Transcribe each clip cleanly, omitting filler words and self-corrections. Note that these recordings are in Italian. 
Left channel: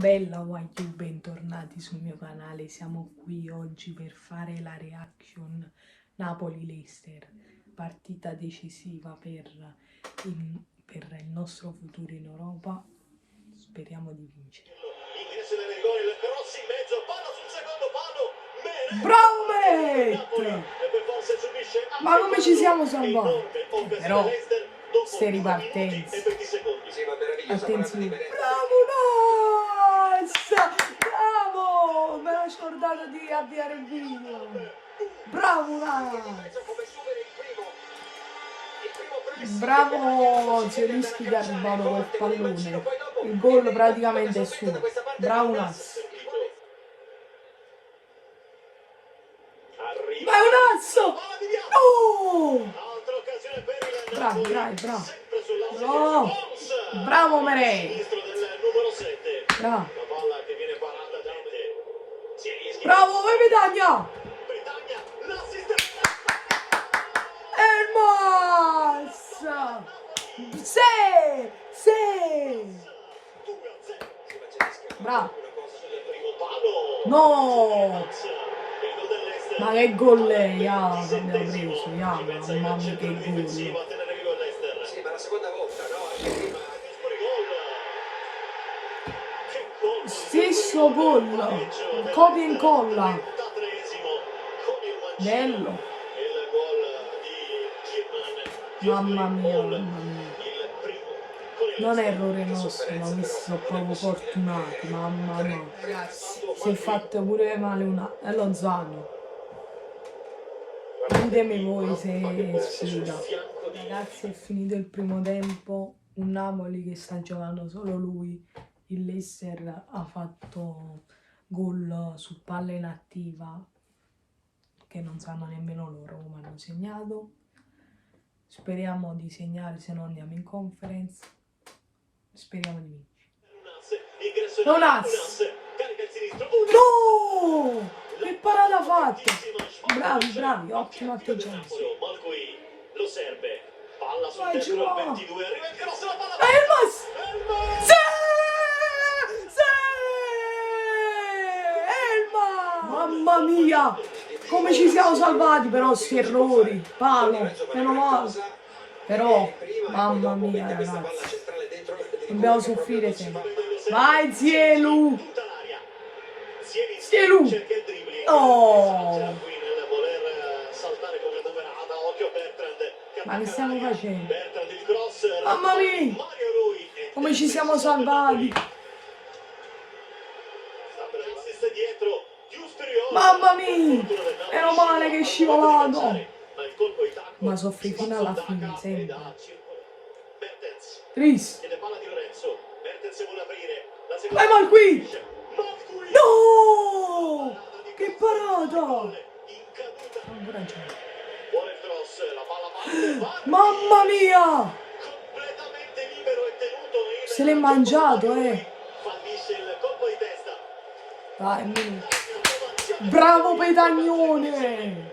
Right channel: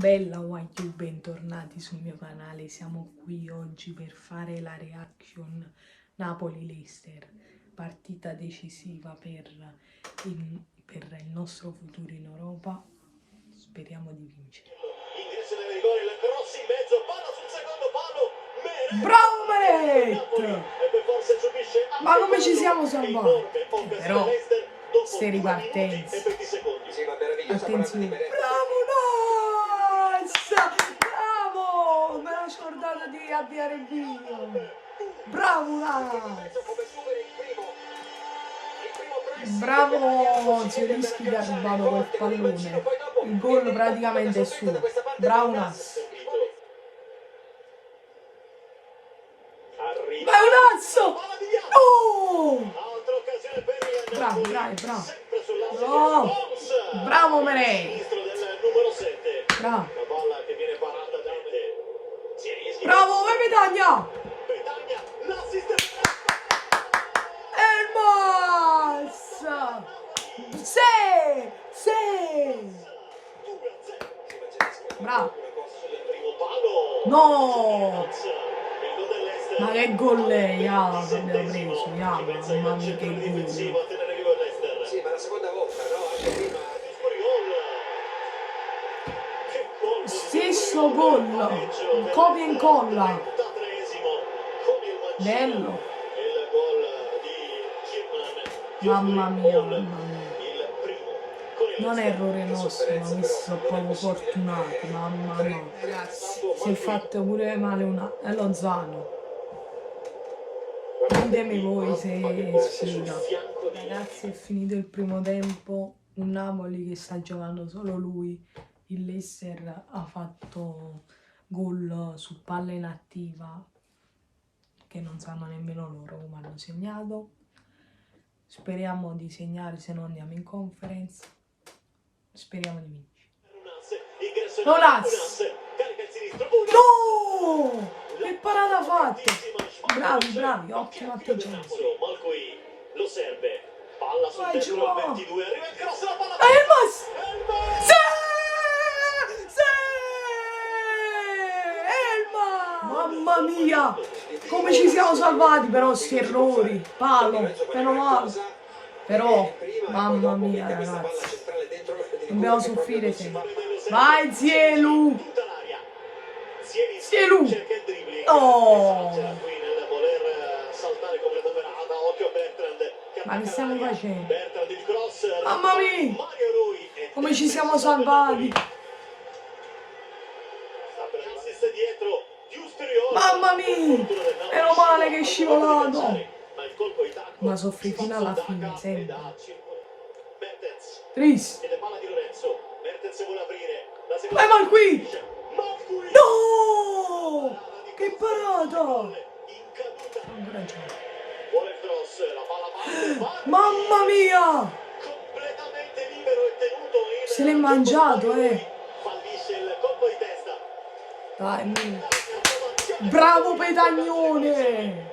Bella YQ, bentornati sul mio canale. Siamo qui oggi per fare la reaction Napoli-Leicester, partita decisiva per il nostro futuro in Europa. Speriamo di vincere. Bravo Meret! Ma come ci siamo salvati? Però ste ripartenze. Attenzione. Bravo Nas! Bravo! Me l'ho scordato di avviare il video. Bravo Nas! Bravo Zielinski che ha rubato quel pallone. Il gol praticamente è suo. Bravo Nas! Ma è un azzo! No! Bravo, bravo, bravo. No! Bravo Merei! Bravo! Bravo, vai Petagna! Elmas! Sì! Sì! Bravo! No! Ma che gol è, ya, che abbiamo preso, ya, mamma mia che gol. Sì, ma la seconda volta, no? Stesso gol, copia e incolla. Bello. Mamma mia, mamma mia. Non è errore nostro, ma questi sono proprio fortunati, mamma mia. Ragazzi, si è fatto pure male è Lozano. Ditemi voi se sfida. Ragazzi, è finito il primo tempo. Un Napoli che sta giocando solo lui. Il Leicester ha fatto gol su palla inattiva che non sanno nemmeno loro come hanno segnato. Speriamo di segnare, se no andiamo in conference. Speriamo di vincere. Nolaz! No! Che parata ha fatto! Bravi, bravi, ottimo atteggiamento. Lo serve. Palla sul Vai, destro al Giovanni. 22. Arriva il cross, la palla. Elmas! Sì! Sì! Elmas! Mamma mia! Come ci siamo salvati però sti errori. Palo, meno male. Però, mamma mia ragazzi. Dobbiamo soffrire sempre. Vai Zielu! Zielu! Oh! Ma che stiamo facendo? Mamma mia! Come ci siamo salvati! Mamma mia! Meno male che è scivolato! Ma soffri fino alla fine, sempre. Tris! Vai mal qui! No! Che parata! Ancora gioco. Mamma mia! Se l'è mangiato, Dai, mio. Bravo Petagnone!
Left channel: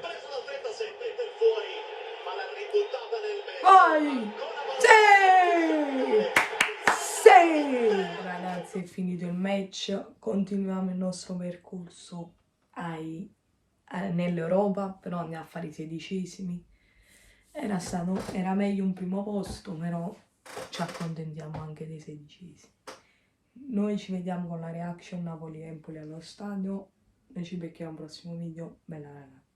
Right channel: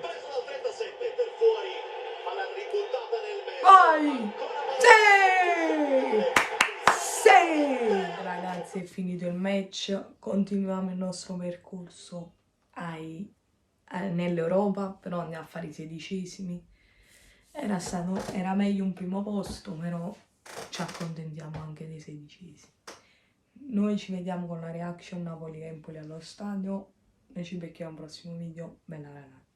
Vai! Sì! Sì! Ragazzi, è finito il match. Continuiamo il nostro percorso nell'Europa, però andiamo a fare i 16esimi. Era meglio un primo posto, però ci accontentiamo anche dei 16esimi. Noi ci vediamo con la reaction Napoli-Empoli allo stadio. Noi ci becchiamo al prossimo video. Bella ragazzi.